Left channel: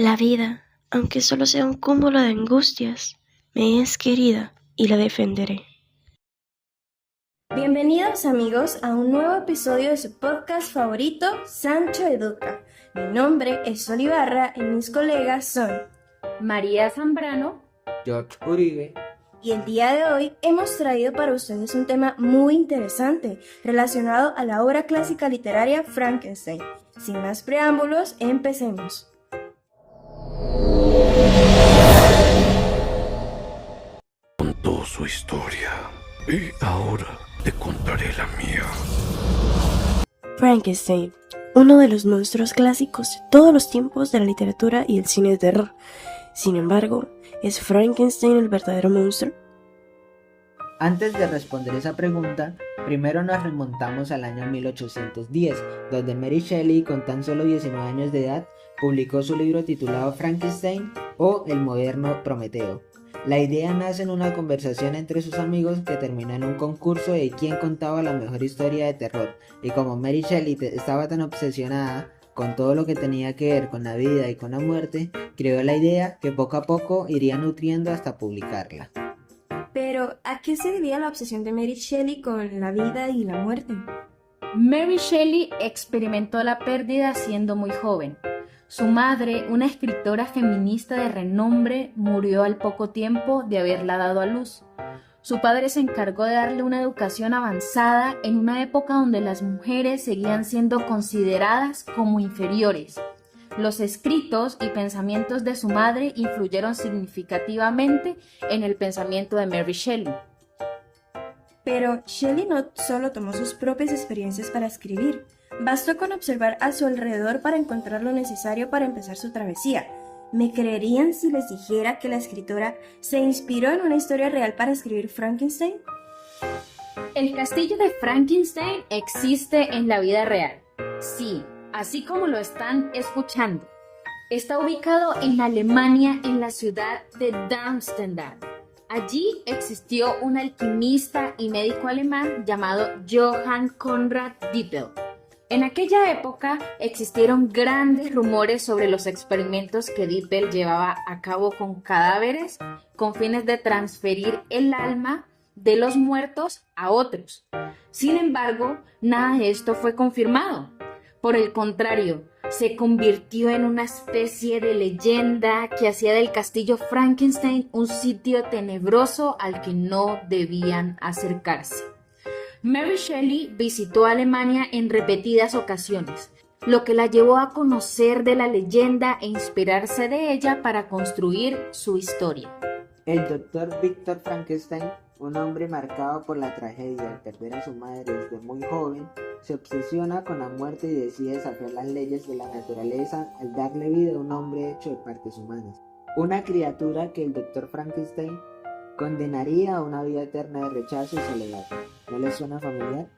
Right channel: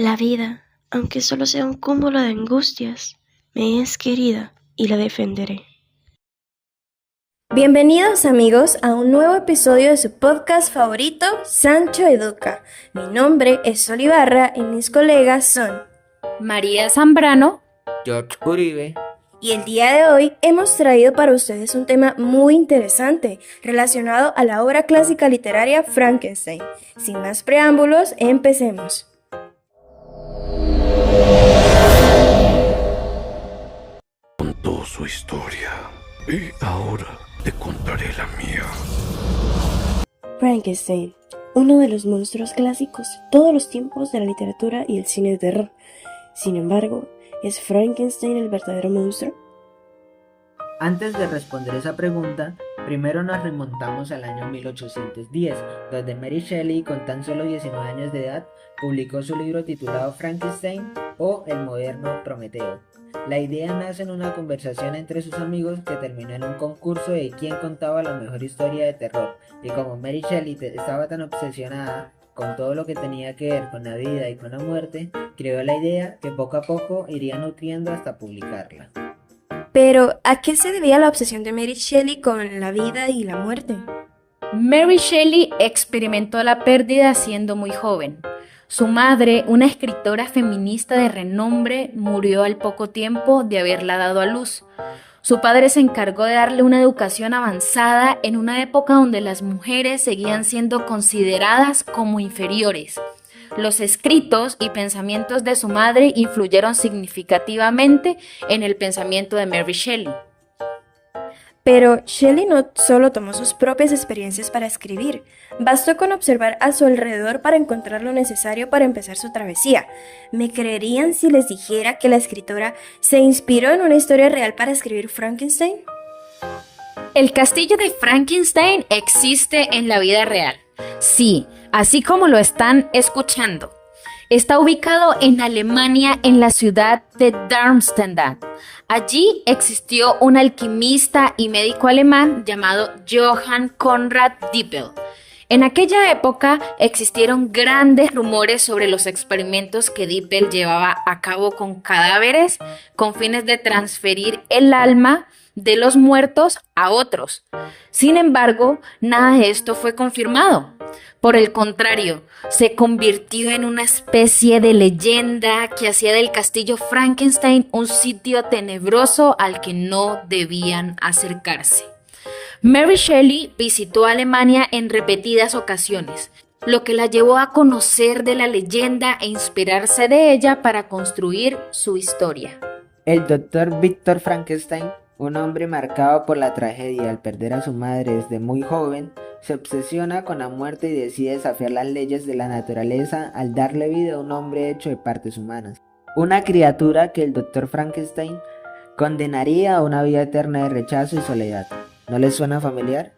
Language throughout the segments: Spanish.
La vida, aunque solo sea un cúmulo de angustias, me es querida y la defenderé. Bienvenidos amigos a un nuevo episodio de su podcast favorito, Sancho Educa. Mi nombre es Sol Ibarra y mis colegas son María Zambrano. George Uribe. Y el día de hoy hemos traído para ustedes un tema muy interesante relacionado a la obra clásica literaria Frankenstein. Sin más preámbulos, empecemos. Contó su historia y ahora te contaré la mía. Frankenstein, uno de los monstruos clásicos de todos los tiempos de la literatura y el cine de terror. Sin embargo, ¿es Frankenstein el verdadero monstruo? Antes de responder esa pregunta, primero nos remontamos al año 1810, donde Mary Shelley, con tan solo 19 años de edad, publicó su libro titulado Frankenstein o El moderno Prometeo. La idea nace en una conversación entre sus amigos que terminó en un concurso de quién contaba la mejor historia de terror, y como Mary Shelley estaba tan obsesionada con todo lo que tenía que ver con la vida y con la muerte, creó la idea que poco a poco iría nutriendo hasta publicarla. Pero, ¿a qué se debía la obsesión de Mary Shelley con la vida y la muerte? Mary Shelley experimentó la pérdida siendo muy joven. Su madre, una escritora feminista de renombre, murió al poco tiempo de haberla dado a luz. Su padre se encargó de darle una educación avanzada en una época donde las mujeres seguían siendo consideradas como inferiores. Los escritos y pensamientos de su madre influyeron significativamente en el pensamiento de Mary Shelley. Pero Shelley no solo tomó sus propias experiencias para escribir, bastó con observar a su alrededor para encontrar lo necesario para empezar su travesía. ¿Me creerían si les dijera que la escritora se inspiró en una historia real para escribir Frankenstein? El castillo de Frankenstein existe en la vida real. Sí, así como lo están escuchando. Está ubicado en Alemania, en la ciudad de Darmstadt. Allí existió un alquimista y médico alemán llamado Johann Conrad Dippel. En aquella época existieron grandes rumores sobre los experimentos que Dippel llevaba a cabo con cadáveres con fines de transferir el alma de los muertos a otros. Sin embargo, nada de esto fue confirmado. Por el contrario, se convirtió en una especie de leyenda que hacía del castillo Frankenstein un sitio tenebroso al que no debían acercarse. Mary Shelley visitó Alemania en repetidas ocasiones, lo que la llevó a conocer de la leyenda e inspirarse de ella para construir su historia. El doctor Víctor Frankenstein, un hombre marcado por la tragedia al perder a su madre desde muy joven, se obsesiona con la muerte y decide desafiar las leyes de la naturaleza al darle vida a un hombre hecho de partes humanas. Una criatura que el doctor Frankenstein condenaría a una vida eterna de rechazo y soledad. ¿No les suena familiar?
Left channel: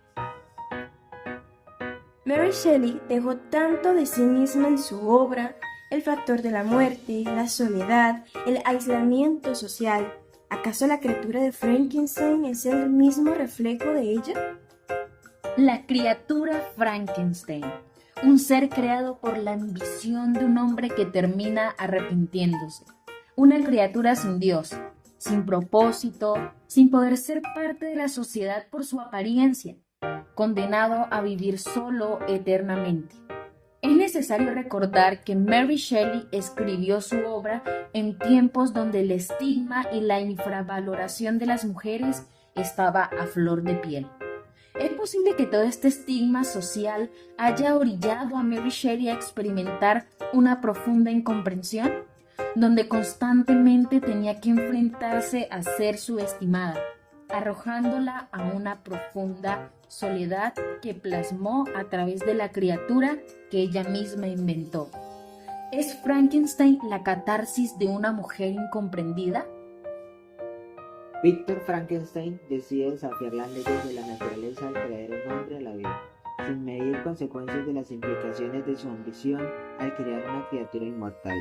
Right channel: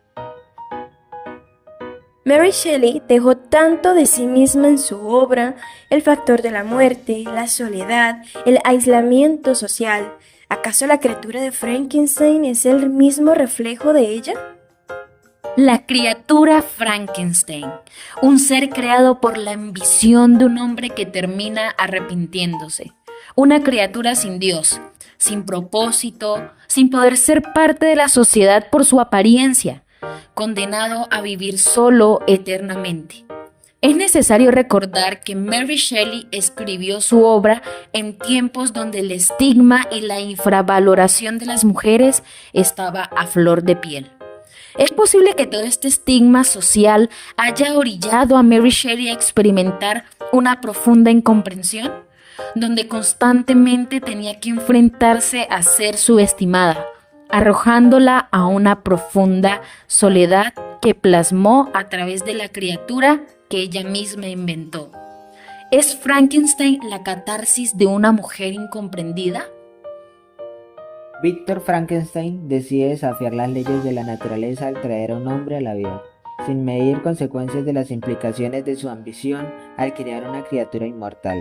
Mary Shelley dejó tanto de sí misma en su obra, el factor de la muerte, la soledad, el aislamiento social. ¿Acaso la criatura de Frankenstein es el mismo reflejo de ella? La criatura Frankenstein, un ser creado por la ambición de un hombre que termina arrepintiéndose. Una criatura sin Dios, sin propósito, sin poder ser parte de la sociedad por su apariencia, condenado a vivir solo eternamente. Es necesario recordar que Mary Shelley escribió su obra en tiempos donde el estigma y la infravaloración de las mujeres estaba a flor de piel. ¿Es posible que todo este estigma social haya orillado a Mary Shelley a experimentar una profunda incomprensión, donde constantemente tenía que enfrentarse a ser subestimada, arrojándola a una profunda soledad que plasmó a través de la criatura que ella misma inventó? ¿Es Frankenstein la catarsis de una mujer incomprendida? Víctor Frankenstein decide desafiar las leyes de la naturaleza al traer a un hombre a la vida, sin medir consecuencias de las implicaciones de su ambición al crear una criatura inmortal.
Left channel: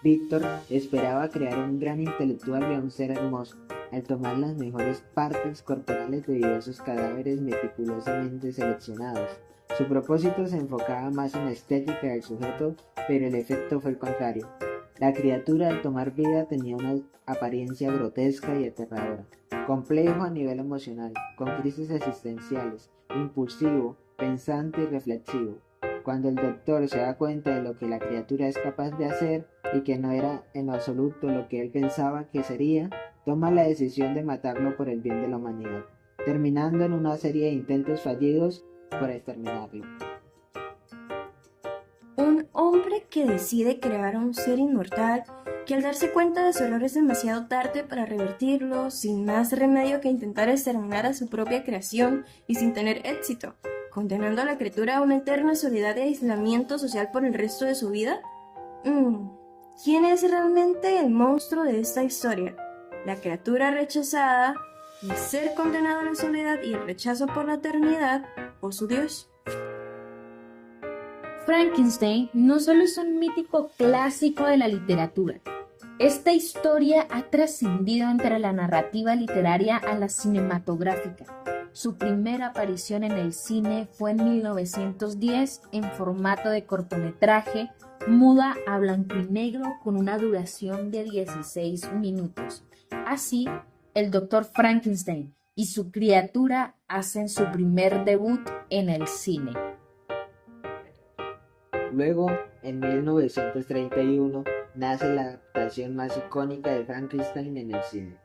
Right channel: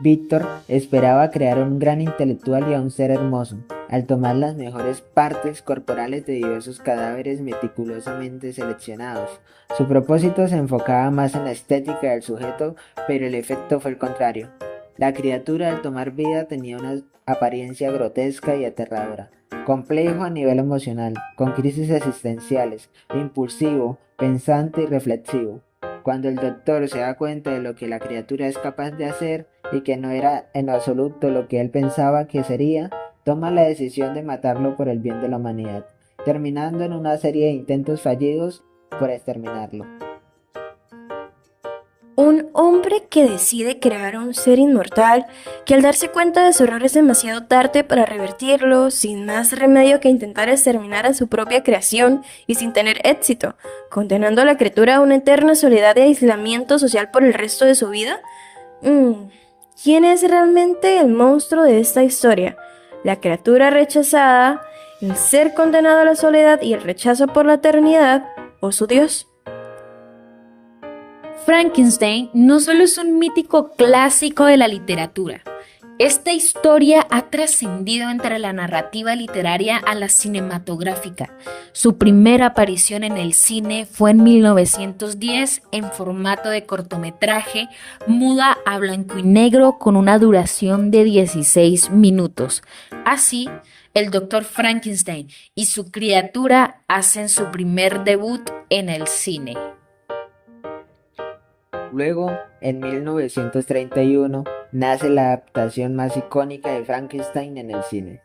Víctor esperaba crear un gran intelectual y a un ser hermoso, al tomar las mejores partes corporales de diversos cadáveres meticulosamente seleccionados. Su propósito se enfocaba más en la estética del sujeto, pero el efecto fue el contrario. La criatura al tomar vida tenía una apariencia grotesca y aterradora, complejo a nivel emocional, con crisis existenciales, impulsivo, pensante y reflexivo. Cuando el doctor se da cuenta de lo que la criatura es capaz de hacer y que no era en absoluto lo que él pensaba que sería, toma la decisión de matarlo por el bien de la humanidad, terminando en una serie de intentos fallidos por exterminarlo. Un hombre que decide crear un ser inmortal que al darse cuenta de su error es demasiado tarde para revertirlo, sin más remedio que intentar exterminar a su propia creación y sin tener éxito, condenando a la criatura a una eterna soledad y aislamiento social por el resto de su vida. ¿Quién es realmente el monstruo de esta historia? ¿La criatura rechazada, el ser condenado a la soledad y el rechazo por la eternidad, o su Dios? Frankenstein no solo es un mítico clásico de la literatura. Esta historia ha trascendido entre la narrativa literaria a la cinematográfica. Su primera aparición en el cine fue en 1910 en formato de cortometraje, muda a blanco y negro con una duración de 16 minutos. Así, el Dr. Frankenstein y su criatura hacen su primer debut en el cine. Luego, en 1931, nace la adaptación más icónica de Frankenstein en el cine.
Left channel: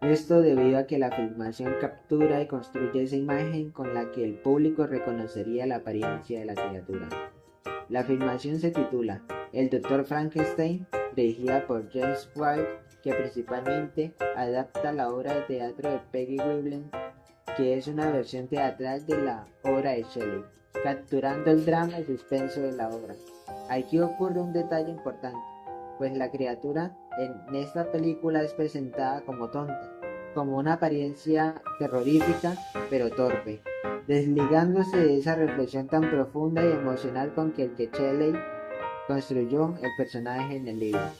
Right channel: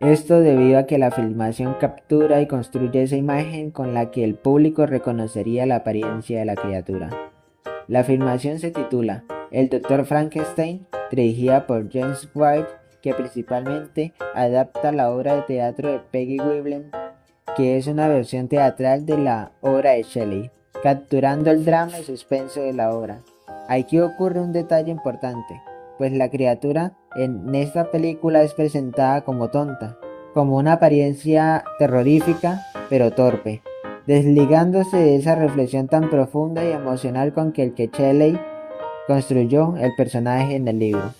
Esto debido a que la filmación captura y construye esa imagen con la que el público reconocería la apariencia de la criatura. La filmación se titula El Dr. Frankenstein, dirigida por James Whale, que principalmente adapta la obra de teatro de Peggy Webber, que es una versión teatral de la obra de Shelley, capturando el drama y suspenso de la obra. Aquí ocurre un detalle importante, pues la criatura en esta película es presentada como tonta, como una apariencia terrorífica pero torpe, desligándose de esa reflexión tan profunda y emocional con que Shelley construyó el personaje en el libro.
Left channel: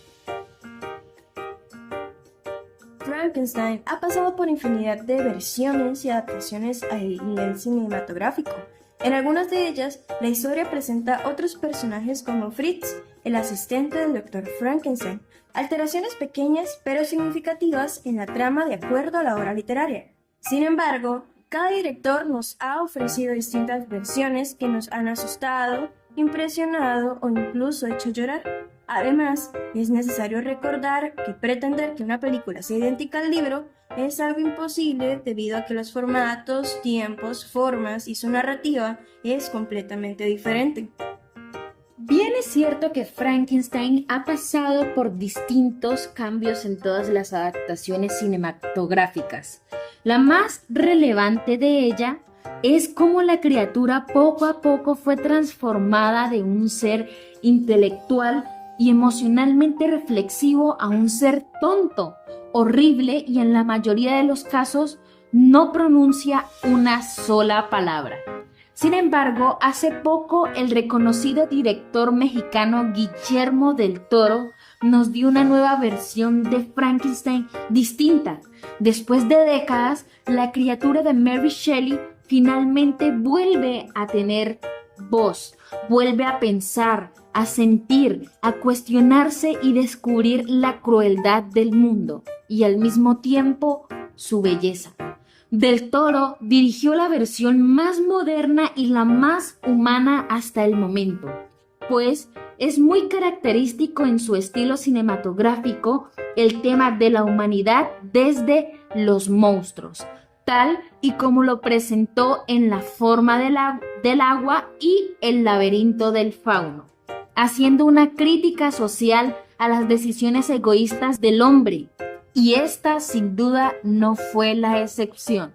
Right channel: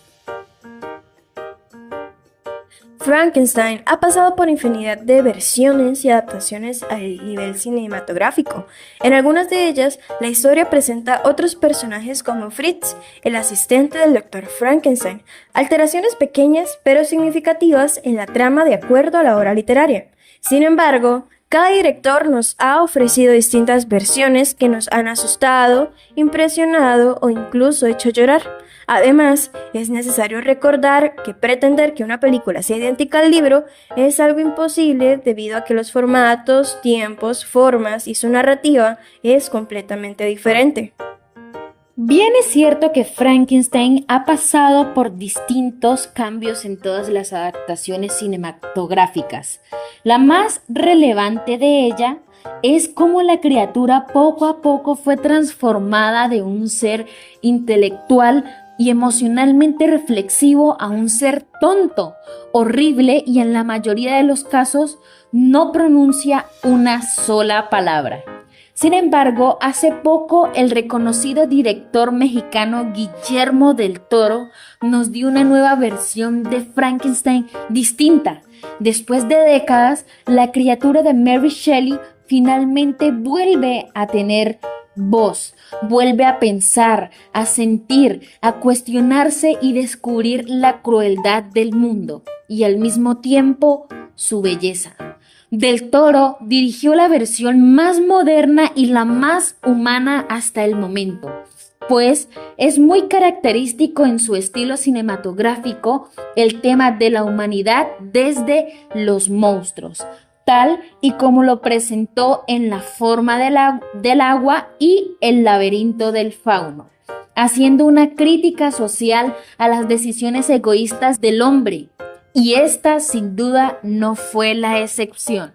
Frankenstein ha pasado por infinidad de versiones y adaptaciones a nivel cinematográfico. En algunas de ellas, la historia presenta otros personajes como Fritz, el asistente del Dr. Frankenstein, alteraciones pequeñas pero significativas en la trama de acuerdo a la obra literaria. Sin embargo, cada director nos ha ofrecido distintas versiones que nos han asustado, impresionado o incluso hecho llorar. Además, es necesario recordar que pretender que una película sea idéntica al libro es algo imposible debido a que los formatos, tiempos, formas y su narrativa es completamente diferente. Bien es cierto que Frankenstein ha pasado por distintos cambios en todas las adaptaciones cinematográficas. La más relevante de ella es cómo la criatura poco a poco fue transformada de un ser intelectual y emocionalmente reflexivo a un ser tonto, horrible y en la mayoría de los casos no pronuncia una sola palabra. Sin embargo, hace poco el reconocido director mexicano Guillermo del Toro nos dio una nueva versión de Frankenstein distinta. Después de décadas, la criatura de Mary Shelley finalmente vuelve a tener voz, vuelve a pensar, a sentir, a cuestionarse y descubrir la crueldad del mundo y al mismo tiempo su belleza. Del Toro dirigió la versión más moderna y la más humana hasta el momento, pues es muy característico en su estilo cinematográfico el tema de la humanidad desde los monstruos, tal y como lo presentó en La forma del agua y El laberinto del fauno, haciendo una crítica social a las decisiones egoístas del hombre. Y esta sin duda no fue la excepción.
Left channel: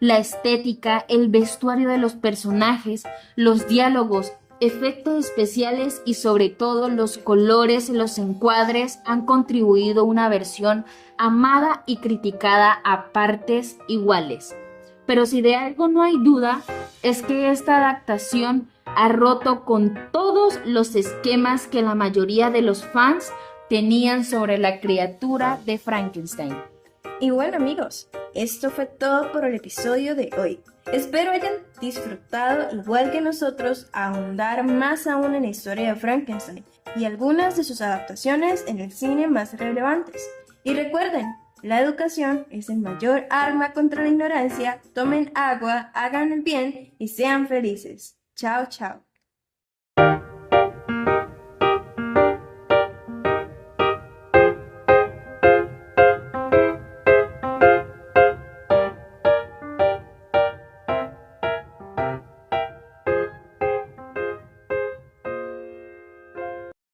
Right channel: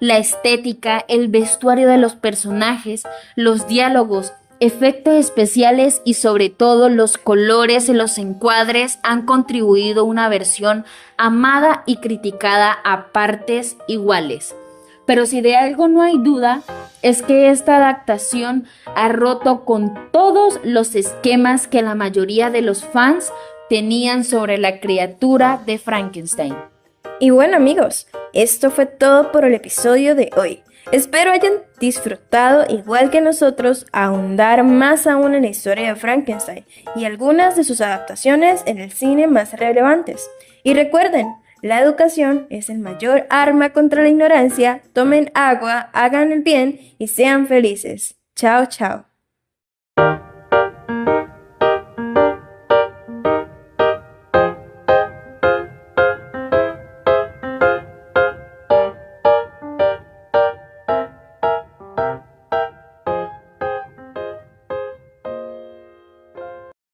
La estética, el vestuario de los personajes, los diálogos, efectos especiales y sobre todo los colores y los encuadres han contribuido a una versión amada y criticada a partes iguales. Pero si de algo no hay duda, es que esta adaptación ha roto con todos los esquemas que la mayoría de los fans tenían sobre la criatura de Frankenstein. Y bueno amigos, esto fue todo por el episodio de hoy. Espero hayan disfrutado, igual que nosotros, ahondar más aún en la historia de Frankenstein y algunas de sus adaptaciones en el cine más relevantes. Y recuerden, la educación es el mayor arma contra la ignorancia. Tomen agua, hagan el bien y sean felices. Chao, chao.